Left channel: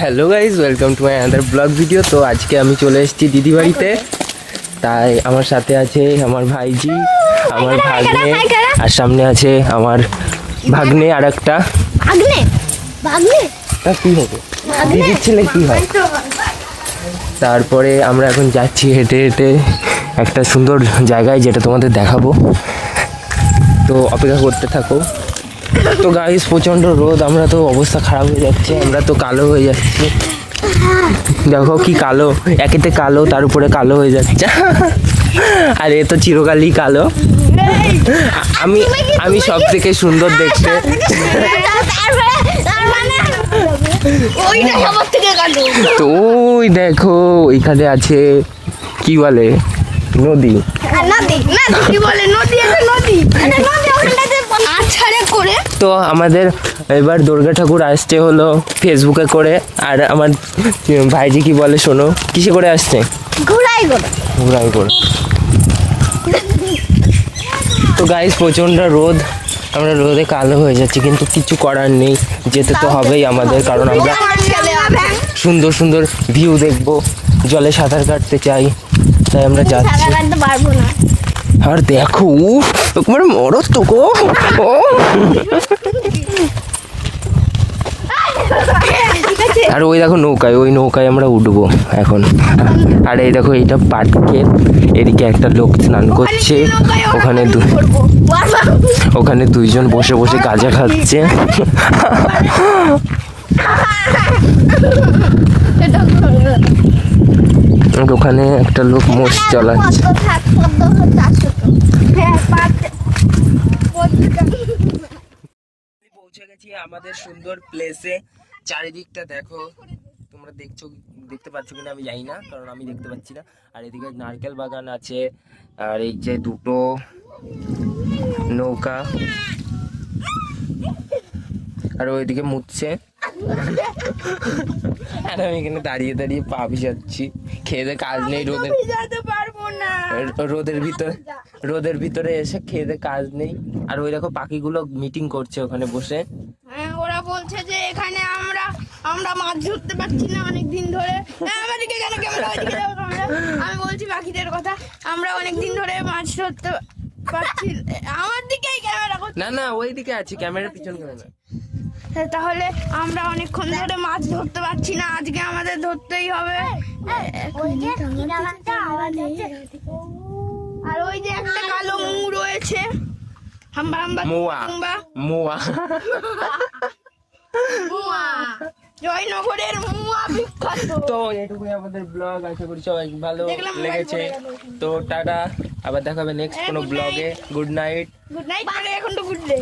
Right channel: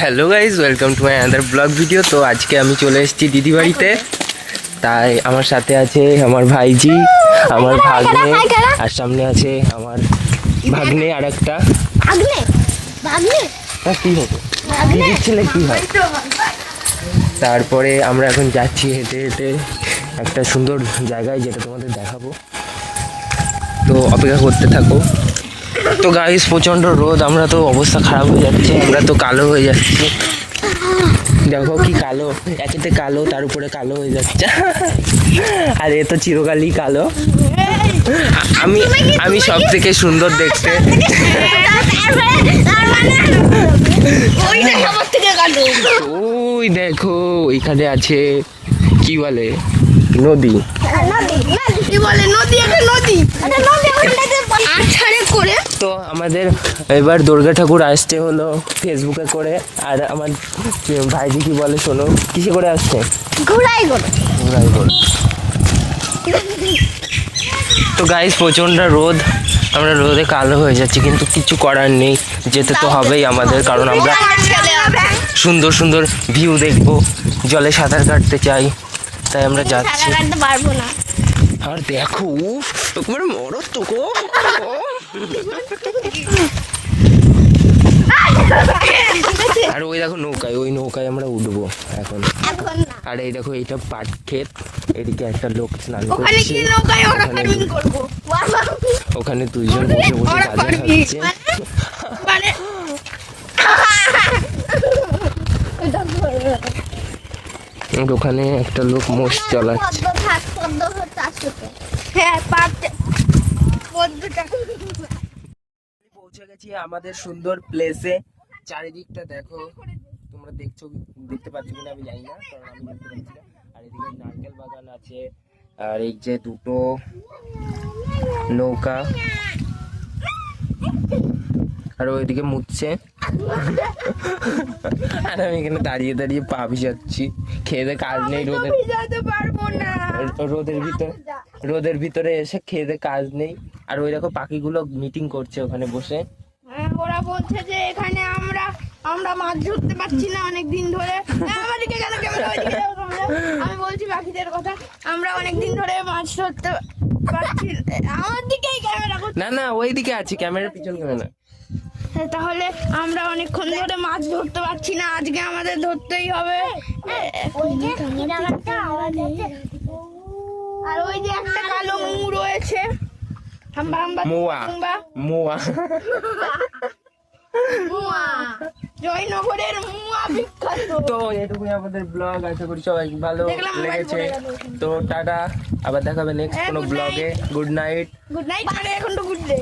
Hello guys, welcome to my another blog video. তো আজকে আমি চলে এসেছি দিদি বাড়িতে। তাই আমার সাথে আছে আমার ভাইজি, আমার ভাগ্নে, আর সামনে আছে আমার ভাগ্নে আর একটা। কি হবে দিদির ছেলে কি হয়। তারপরে আমরা এখন যাচ্ছি হেঁটে হেঁটে একটা সুন্দর জায়গায়, যেটা তোমাদের দেখাবো। তো অপেক্ষা করতে থাকো। তো গাইস প্রচণ্ড রোদ, আমরা তো অবস্থা খারাপ হয়ে যাচ্ছে, আমরা তো কালো হয়ে যাচ্ছি। দেখো কি কালো, একেতে কালো, তার উপরে কালো হয়ে যাচ্ছে। আর এ তো চিরকালই কালো। আমি আমি সব থেকে সুন্দর দেখতে। তো ওই দেখো ওইখানে আছে কি বলে নদী। তো আমাদের এবার দুর্গা ঠাকুর আসতে হলো ফেসবুকে করে। আর আমার ভাইজি কি বলে শোনো, কিসে করে আসছে? ঘোড়াই করে। তো গাইস প্রচণ্ড রোদ, আমরা রোদে কালো হয়ে যাচ্ছি, কিন্তু কিছু করার নেই, যেতে তো হবেই আমাদের, কারণ আমরা সুন্দর সুন্দর ভিউ দেখবো, জলে সাঁতার কাটতে চাই, তাই আমরা যাচ্ছি। আর দেখো তোমার মরদ তো গো। আর ওই দেখো নৌকায়, ওই নৌকায় আমরা উঠবো এখন। আর এই দেখো এইটা পাটকে, এদিকে একটা লোক স্নান করছে, ওখানে দুইজন বসে বসে গাঁজা খাচ্ছে। ওখানে একটা লোক মোষ চালাচ্ছে। পৌঁছে গেছি আমাদের সুন্দর প্লেসে। চারিদিকটা দেখো, তোমরা দেখতে পাচ্ছ কিনা আমি জানি না, কারণ আমি দেখতে পাচ্ছি না। আর এদিকে নারকেল বাগান আছে, আর এই যে দুটো নৌকা, আর ওইদিকে মুছছে। আর আমি এখানে দাঁড়িয়ে দাঁড়িয়ে পা ভিজাচ্ছি, খেয়ে কাজ নেই, রোদের ভিতরে এসে খেয়ে কাজ নেই। আর ওই দেখো পাখিগুলো মিটিং করছে ওখানে বসে। ওরা বলছে যে এখানে আমরা মাছ ধরতে পারছি না অনেকদিন ধরে। আমি বলছি পাখিদের কথা, আমরা অনেকদিন ধরে মাছ ধরতে পারছি। আমার দিকেই ক্যামেরা করছে। না ওই দিকে আছে, ক্যামেরার পিছন ক্যামেরা। তাহলে আমরা অনেকক্ষণ ধরে মাছ ধরতে পারছি না, আজকে আমাদের ধরতেই হবে। আর ওই যে একটা কালো মৌ রয়েছে, জয়নগরের মুয়া বিখ্যাত। তো এটুকুই আমাদের ব্লগ, আশা করি সবাই ভালো লেগেছে। তো টাটা, আবার দেখাবে নেক্সট কোনো ব্লগে। Good night. এখন তো গুড ডে।